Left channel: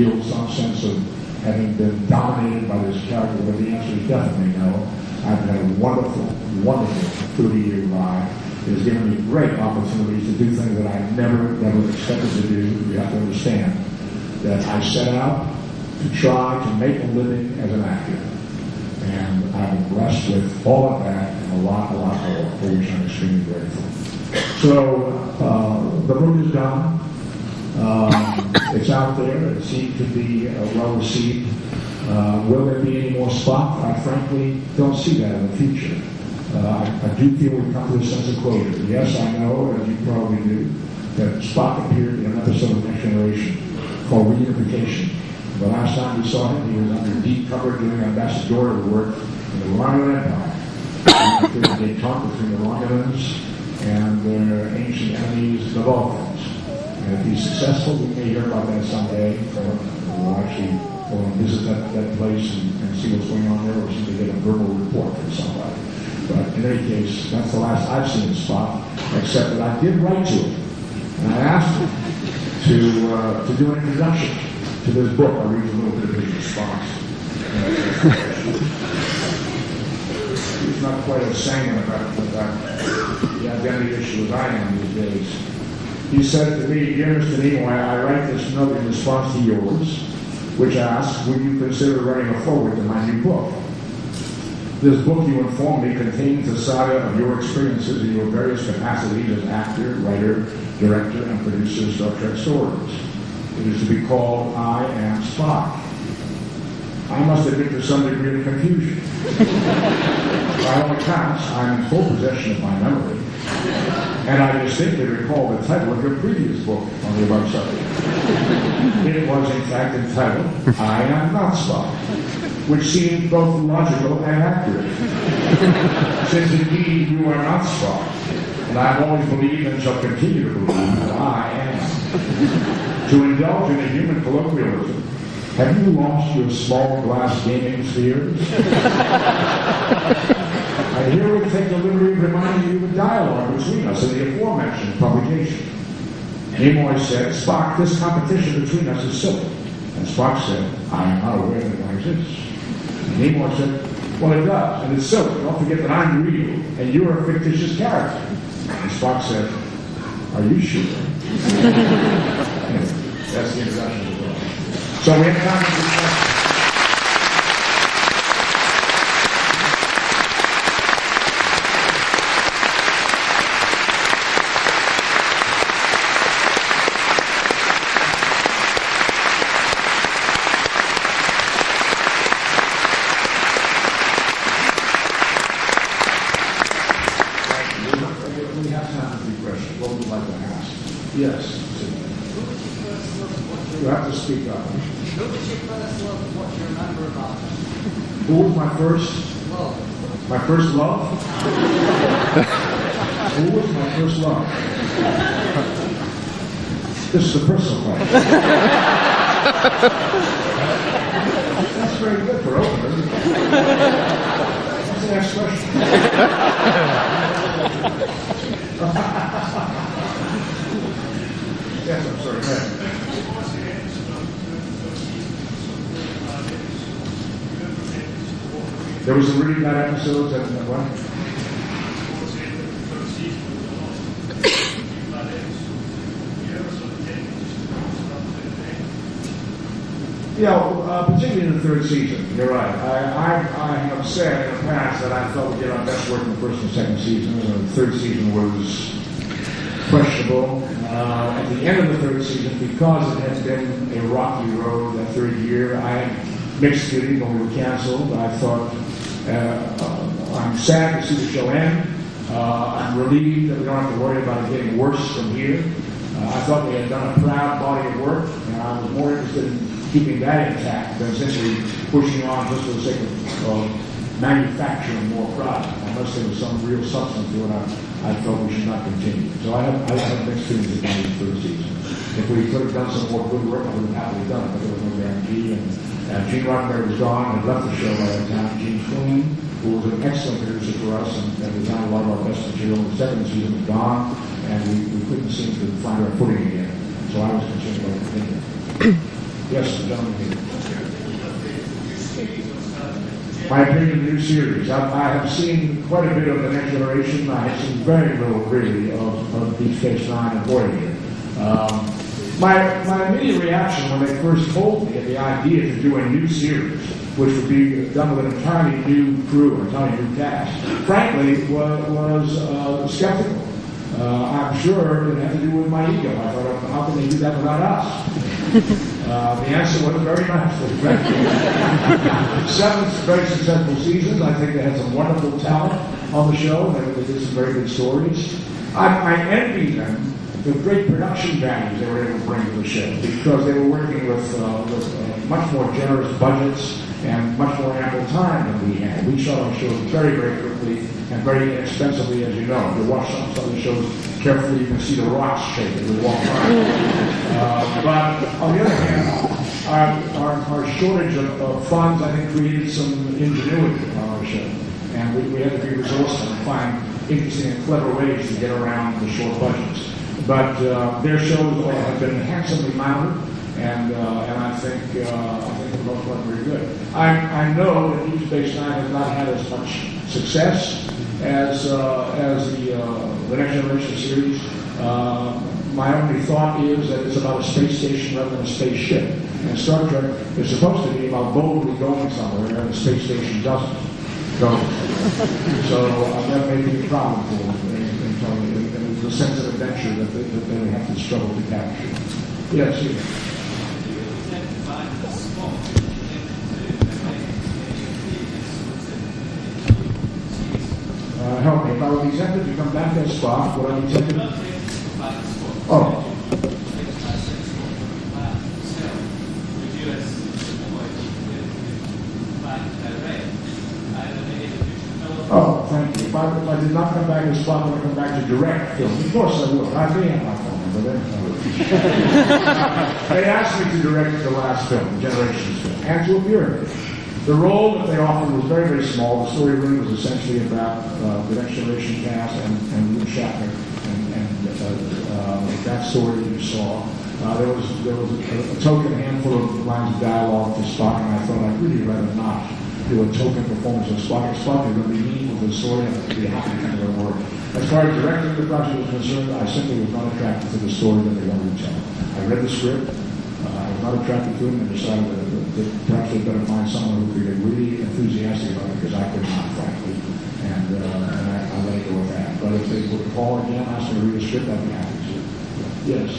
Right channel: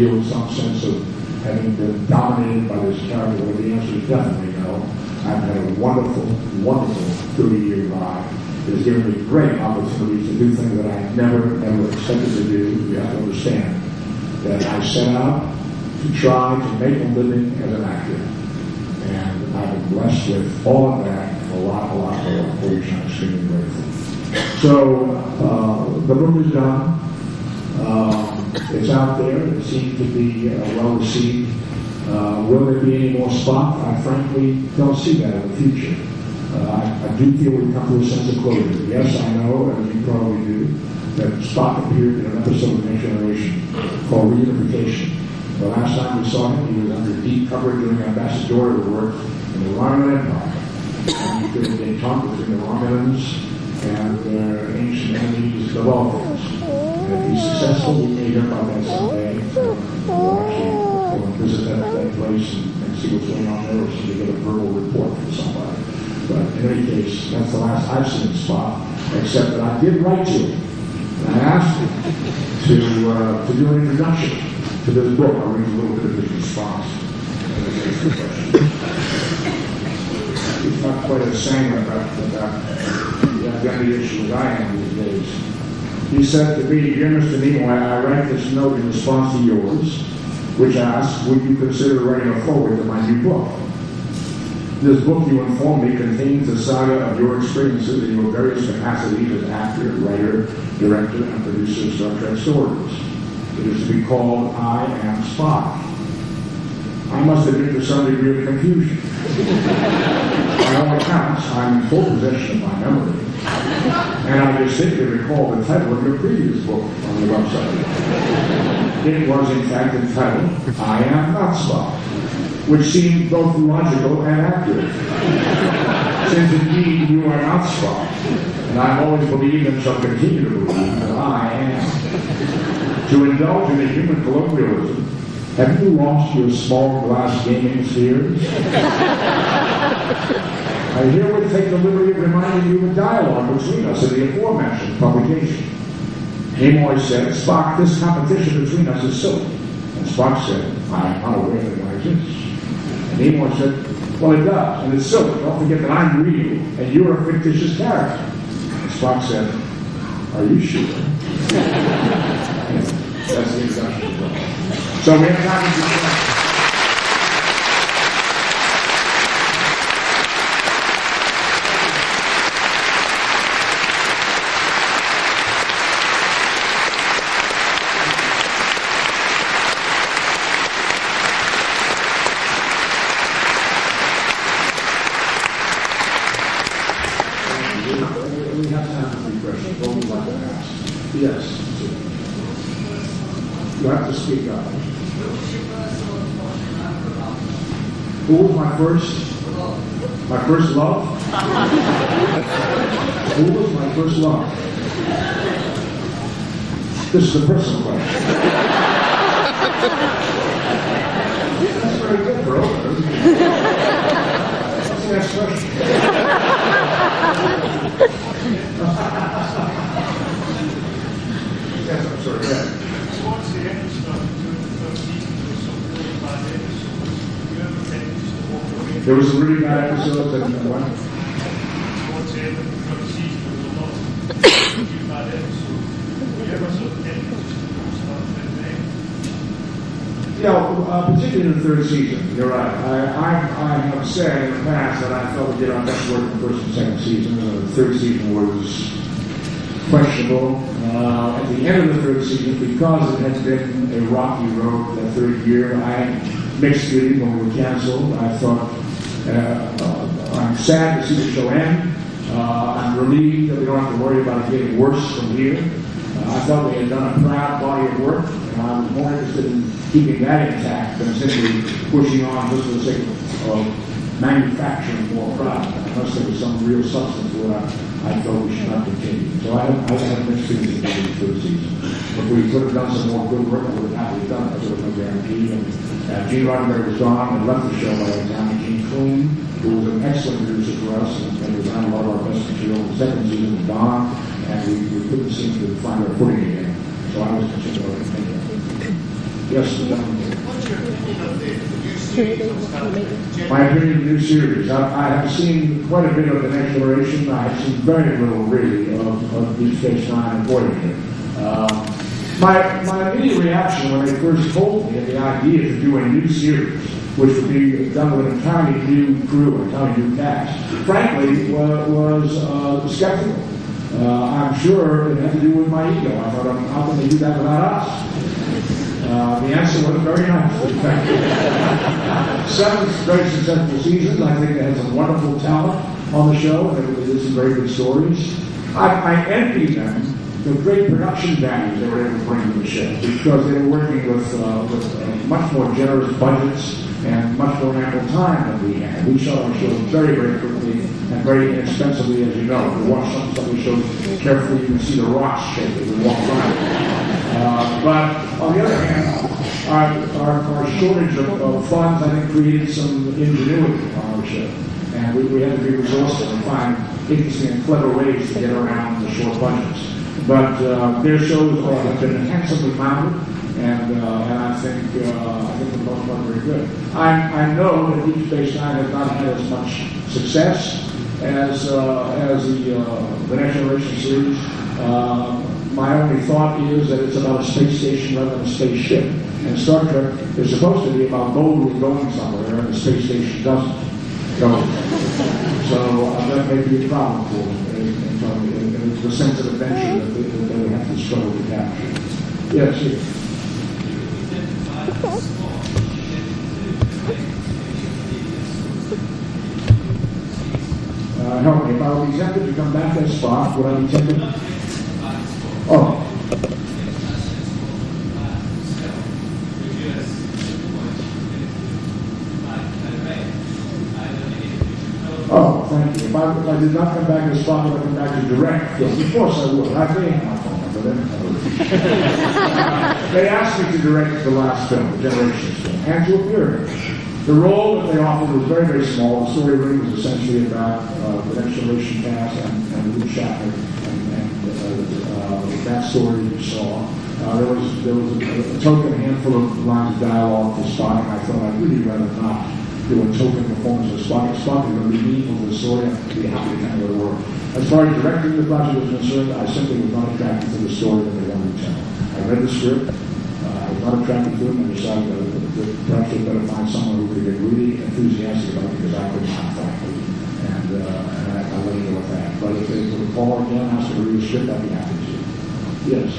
feel some sense of having been dominated by this character? Well, the answer is definitely no. I've had a wonderful, wonderful 30-year ride. It has given me great opportunities to do things that I never expected to do. You have to understand that I set out to try to make a living as an actor. And I've been blessed with all of that and a lot more, for which I'm extremely grateful. So, the book is done. It's out there. It seems to be well received. Will there be any more Spock? I frankly don't see that in the future. I do feel we've come to a sense of closure. Yes, I know, as you probably do, that Spock appeared in an episode of Next Generation called Reunification. The last time we saw him, he was under deep cover doing ambassadorial work in the Romulan Empire. And he did a detente between the Romulans and their ancient enemies, the Vulcans. And if he's successful, we may hear about that someday. We'll actually go and visit that place and see what's going on there, or see if we get a verbal report from somebody. But in any case, that's the last I've seen of Spock, except that I did write to him. And I asked him to do an introduction to this book. I'll read a little bit of his response. He's not quite as sanguine about the identity issue as I am these days. He said to me, "Dear Mr. Nimoy, I write this note in response to yours, which asks, would you consider writing a foreword to my new book? This book, you inform me, contains a saga of your experiences in your various capacities as actor, writer, director, and producer of Star Trek stories. It is to be called I Am Spock." I must admit to some degree of confusion. By all accounts, I'm in full possession of my memory, and I distinctly recall the title of your previous book on the website. It was, in fact, entitled I Am Not Spock, which seemed both logical and accurate, since indeed you are not Spock, and I've always believed and shall continue to believe that I am. To indulge in a human colloquialism, have you lost your small glass gaming spheres? I herewith take the liberty of reminding you of a dialogue between us in the aforementioned publication. Nimoy said, "Spock, this competition between us is silly." And Spock said, "I am not aware that one exists." And Nimoy said, "Well, it does, and it's silly. Don't forget that I'm real, and you're a fictitious character." And Spock said, "Are you sure?" That's the introduction as well. So we have time to discuss. We have time for questions. What would you like to ask? Yes. You have to speak up. Who was my first? My first love? Who was my first love? This is a personal question. That's very good for openers. What's the next question? Yes, I'm sorry. Yeah. There was some really bad episodes and what? Yeah, particularly in the third season. You're right. I have said in the past that I felt we did our best work in the first and second season. The third season was questionable. At the end of the third season, because it had been a rocky road that third year, I mixed feelings when we were canceled. I thought, I'm sad to see the show end. I'm relieved that we don't have to worry about it getting worse from here. I thought we had done a proud body of work, and I was more interested in keeping that intact than simply pushing on just for the sake of manufacturing more product. Unless there was some real substance to it, I felt we should not continue. So I have mixed feelings about the third season. If we could have done some more good work, we would have happily done it, but there was no guarantee. And Gene Roddenberry was gone and left the show by the time Gene Coon, who was an excellent producer for us and designed a lot of our best material. The second season was gone, and we couldn't seem to find our footing again. So I was concerned about continuing. Yes, the gentleman. My opinion of the new series. I have seen quite a bit of The Next Generation. I have seen very little, really, of Deep Space Nine and Voyager. My immediate reaction when they first told me the idea to do a new series, which would be done with an entirely new crew, an entirely new cast, frankly, was skeptical. I'm sure it had to do with my ego. I thought, how can they do that without us? The answer was very nice. 7 very successful seasons. I think they had some wonderful talent on the show. They did some very good stories. I envy them the great production values they were able to bring to the show, because they were working with much more generous budgets and much more ample time than we had. We shot our shows very, very quickly and very inexpensively, as you know. If you watch some of the shows carefully, you can see the rocks shake as we walk by. But on the other hand, our shortage of funds, I think, created some ingenuity on our show. And we had to be resourceful and find interesting and clever ways to get around the short budgets. But their shows have been handsomely mounted, and I think they're both very good. I know that Deep Space Nine has not had as much success as the Next Generation series. My only thought is that it's about a space station rather than a spaceship. And Star Trek is supposed to be about boldly going somewhere, and the space station doesn't go. So that may be a problem for them. It's the sense of adventure that they have to struggle to capture. Yes, yes. Help me. If I would be tempted to come back as Spock, would I be tempted? Oh. Oh, thank you. If I did not come back as Spock, would I come back to direct? Yes, of course I would. I may have my phone number then. They asked me to direct the last film, the Generations film, and to appear in it. The role that they offered was very, very small. The story really was essentially about the Next Generation cast and Luke Shatner and that story you saw. There was a token handful of lines of dialogue for Spock, and I thought I'd really rather not do a token performance of Spock. Spock is going to be meaningful to the story and to be happy to come to the work. As far as directing the project was concerned, I simply was not attracted to the story that they wanted to tell. I read the script. I was not attracted to it, and decided that perhaps they'd better find someone who would get really enthusiastic about it, because I could not, frankly. And I let it go with that. But if they would call again and ask me to read the script, I'd be happy to. Yes.